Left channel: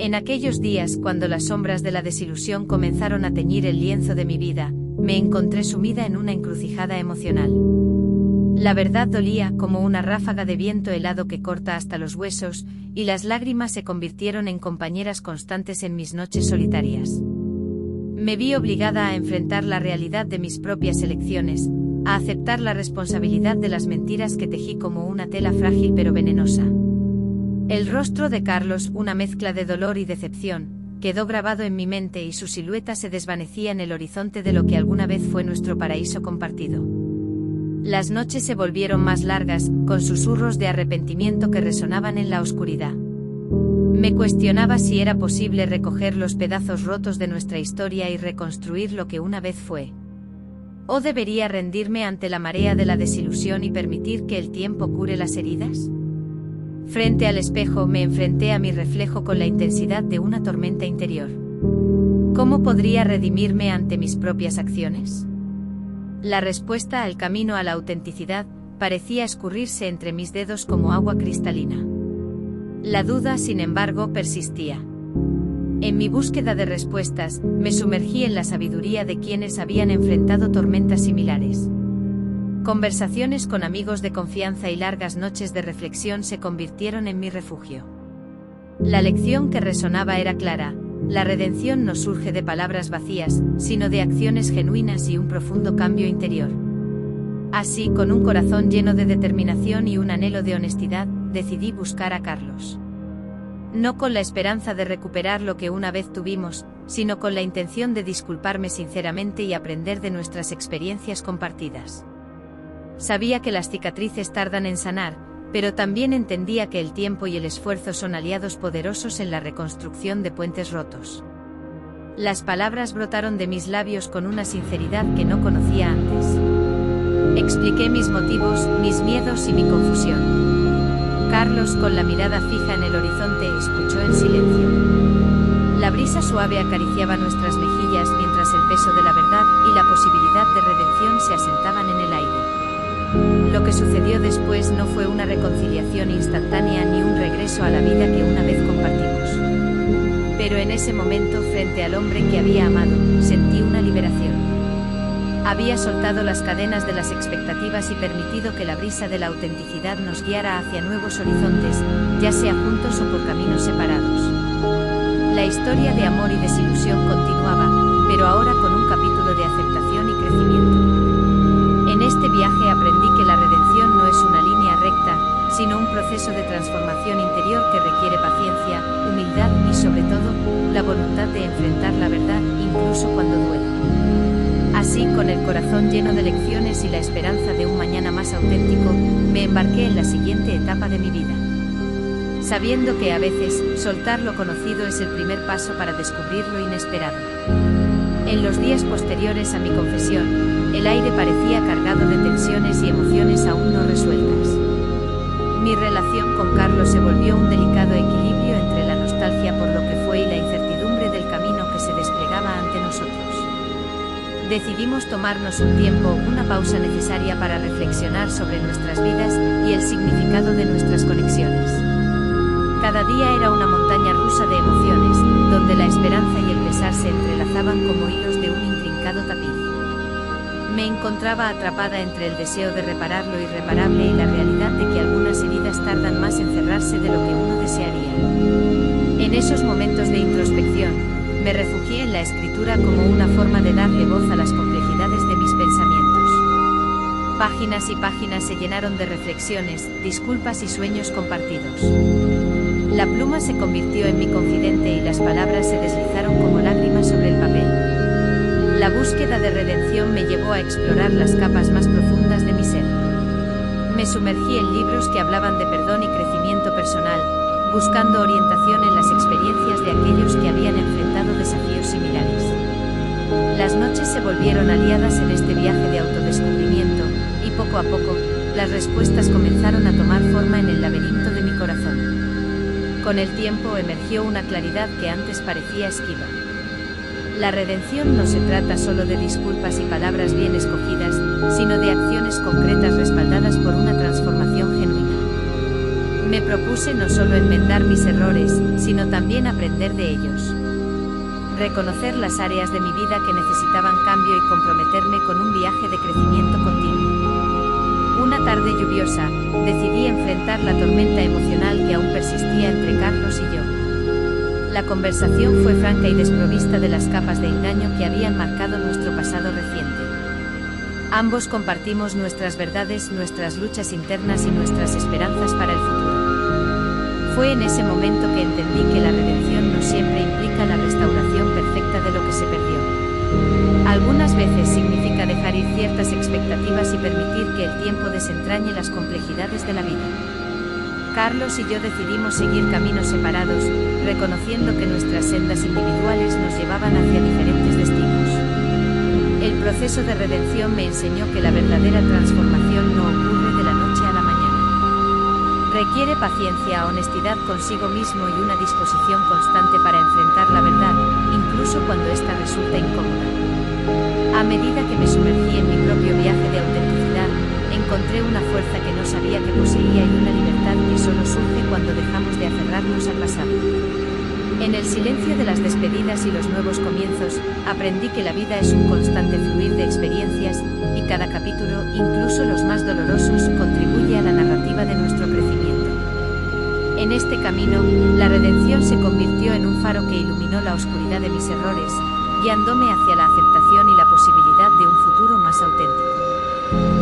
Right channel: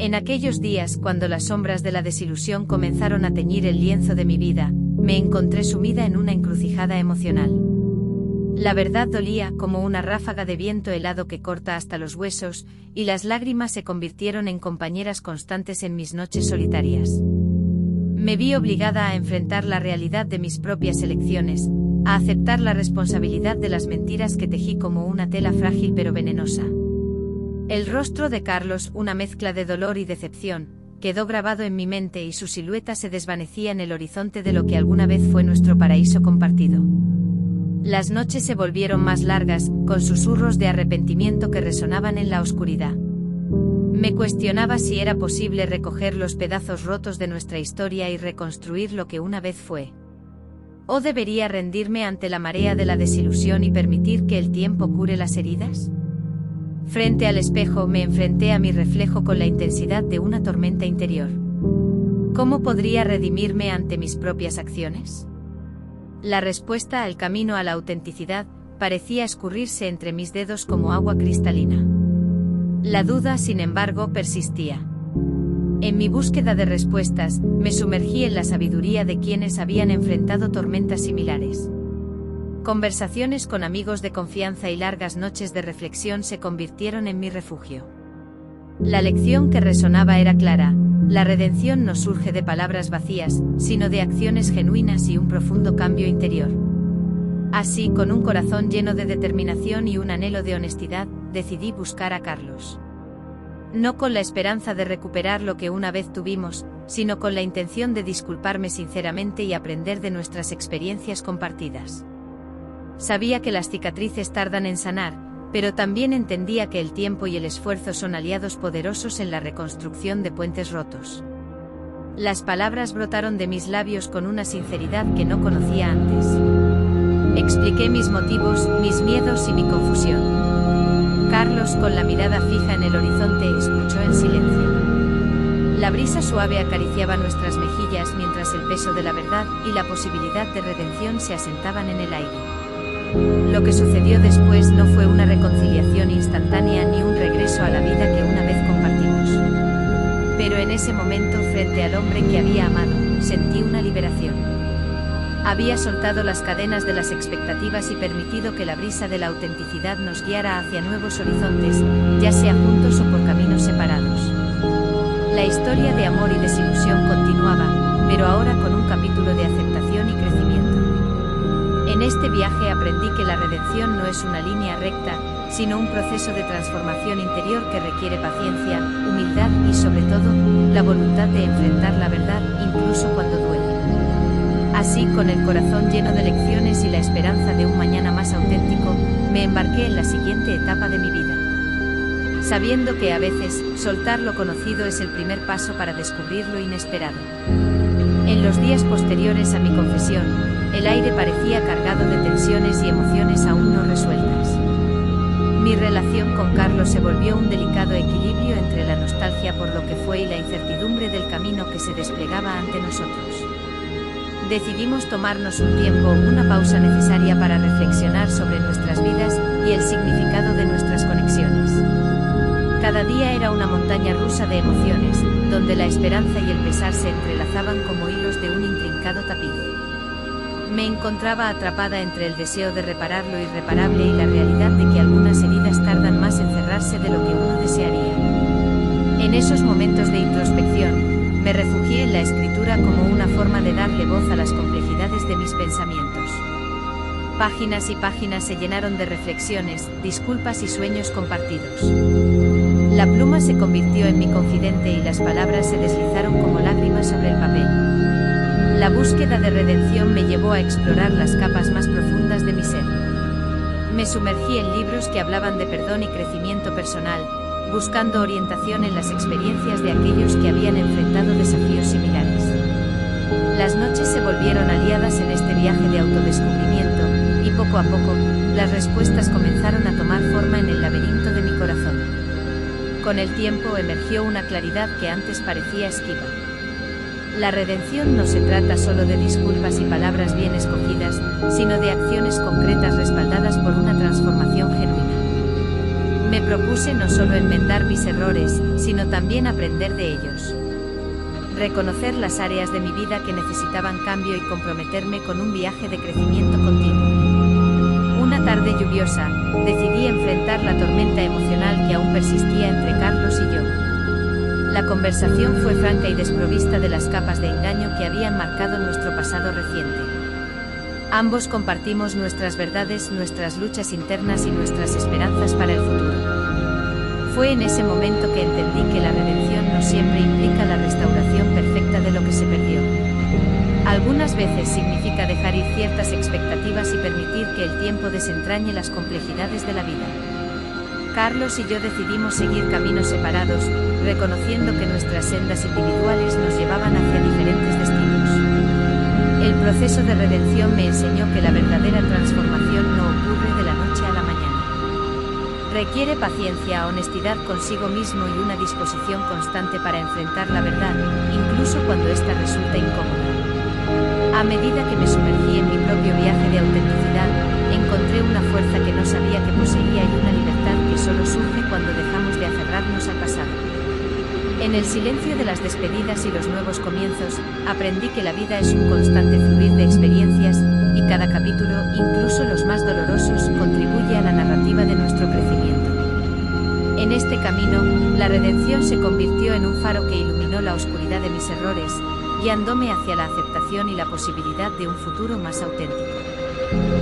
En aquellos días, cuando las sombras de la desilusión comenzaron a teñir el lienzo de mi vida, me encontré sumida en una encrucijada emocional. La verdad dolía como una ráfaga de viento helado que corta hasta los huesos, y las lágrimas se convirtieron en compañeras constantes en mis noches solitarias. Me vi obligada a enfrentar la realidad de mis propias elecciones, a aceptar la responsabilidad de las mentiras que tejí como una tela frágil pero venenosa. El rostro de Carlos, una mezcla de dolor y decepción, quedó grabado en mi mente y su silueta se desvanecía en el horizonte de lo que alguna vez fue nuestro paraíso compartido. Las noches se volvieron más largas, con susurros de arrepentimiento que resonaban en la oscuridad. Me cuestionaba si era posible recoger los pedazos rotos de nuestra historia y reconstruir lo que una vez fue. ¿O debería rendirme ante la marea de la desilusión y permitir que el tiempo cure las heridas? Frente al espejo me enfrenté a mi reflejo con la intensidad de una tormenta interior. ¿Cómo podría redimirme ante mis propias acciones? La respuesta al camino a la autenticidad parecía escurrirse entre mis dedos como agua cristalina. La duda, sin embargo, persistía. En mi búsqueda de respuestas, me sumergí en la sabiduría de quienes habían enfrentado tormentas similares. Conversaciones con amigos de confianza y largas noches de reflexión se convirtieron en mi refugio. La lección que resonaba era clara: la redención no surge de palabras vacías, sino de acciones genuinas y un profundo cambio interior. Así, con un corazón lleno de determinación y un anhelo de honestidad, decidí buscar a Carlos. No con la esperanza de recuperar lo que una vez tuvimos, sino con la intención de disculparme sinceramente y aprender de nuestras experiencias compartidas. Sabía que las cicatrices tardan en sanar, pero también entendía que el tiempo y el esfuerzo son aliados poderosos en la reconstrucción de puentes rotos. Las palabras brotaron de mis labios con una sinceridad que no conocía antes. Expliqué mis motivos, mis miedos y mi confusión. Carlos, con la mirada fija en el horizonte, escuchó en silencio. La brisa suave acariciaba nuestras mejillas mientras el peso de la verdad y la posibilidad de redención se asentaban en el aire. Lo que sucedió después no fue una reconciliación instantánea ni un regreso a la vida que una vez compartimos. Pero en ese momento, frente al hombre que había amado, sentí una liberación. Había soltado las cadenas de las expectativas y permitido que la brisa de la autenticidad nos guiara hacia nuevos horizontes, ya sea juntos o por caminos separados. La historia de amor y desilusión continuaba, pero ahora con un capítulo de aceptación y crecimiento. En este viaje aprendí que la redención no es una línea recta, sino un proceso de transformación interior que requiere paciencia, humildad y, sobre todo, la voluntad de enfrentar la verdad, incluso cuando duele. Así, con el corazón lleno de lecciones y la esperanza de un mañana más auténtico, me embarqué en la siguiente etapa de mi vida. Sabiendo que a veces, soltar lo conocido es el primer paso para descubrir lo inesperado. En los días posteriores a mi confesión, el aire parecía cargado de tensiones y emociones aún no resueltas. Mi relación con Carlos se volvió un delicado equilibrio entre la nostalgia por lo que fue y la incertidumbre del camino que se desplegaba ante nosotros. Decidimos tomarnos un tiempo, una pausa necesaria para reflexionar sobre nuestras vidas y el significado de nuestras conexiones. Cada día era una montaña rusa de emociones, donde la esperanza y el pesar se entrelazaban como hilos de un intrincado tapiz. Me encontraba atrapada entre el deseo de reparar lo irreparable y la realidad de que algunas heridas tardan más en cerrarse de lo que uno desearía. En esos momentos de introspección, me refugié en la escritura como una forma de darle voz a las complejidades de mis pensamientos. Páginas y páginas se llenaron de reflexiones, disculpas y sueños compartidos. La pluma se convirtió en mi confidente y las palabras se deslizaron como lágrimas sobre el papel. La búsqueda de redención me llevó a explorar las capas más profundas de mi ser. Me sumergí en libros que hablaban de perdón y crecimiento personal, buscando orientación en las experiencias de aquellos que habían enfrentado desafíos similares. Las noches se volvieron aliadas en este viaje de autodescubrimiento, y poco a poco, las respuestas comenzaron a tomar forma en el laberinto de mi corazón. Con el tiempo emergió una claridad que antes parecía esquiva. La redención no se trata solo de disculpas y palabras bien escogidas, sino de acciones concretas respaldadas por una transformación genuina. Me propuse no solo enmendar mis errores, sino también aprender de ellos. Reconocer las áreas de mi vida que necesitaban cambio y comprometerme con un viaje de crecimiento continuo. Una tarde lluviosa, decidí enfrentar la tormenta emocional que aún persistía entre Carlos y yo. La conversación fue franca y desprovista de las capas de engaño que habían marcado nuestro pasado reciente. Ambos compartimos nuestras verdades, nuestras luchas internas y nuestras esperanzas para el futuro. Fue en ese momento que entendí que la redención no siempre implica la restauración perfecta de lo que se perdió. Algunas veces significa dejar ir ciertas expectativas y permitir que el tiempo desentrañe las complejidades de la vida. Carlos y yo decidimos seguir caminos separados, reconociendo que nuestras sendas individuales nos llevaban hacia diferentes destinos. El proceso de redención me enseñó que la verdadera transformación no ocurre de la noche a la mañana. Requiere paciencia, honestidad consigo mismo y una disposición constante para enfrentar la verdad, incluso cuando ésta resulta incómoda. A medida que me sumergí en mi propio viaje de autenticidad, encontré una fuerza que no sabía que poseía y una libertad que solo surge cuando dejamos de aferrarnos al pasado. En el silencio de las despedidas y los nuevos comienzos, aprendí que la vida es un constante fluir de experiencias, y cada capítulo, incluso los más dolorosos, contribuye a la narrativa de nuestro crecimiento. En este camino, la redención se convirtió en un faro que iluminó la oscuridad de mis errores, guiándome hacia la aceptación y la posibilidad de un futuro más auténtico.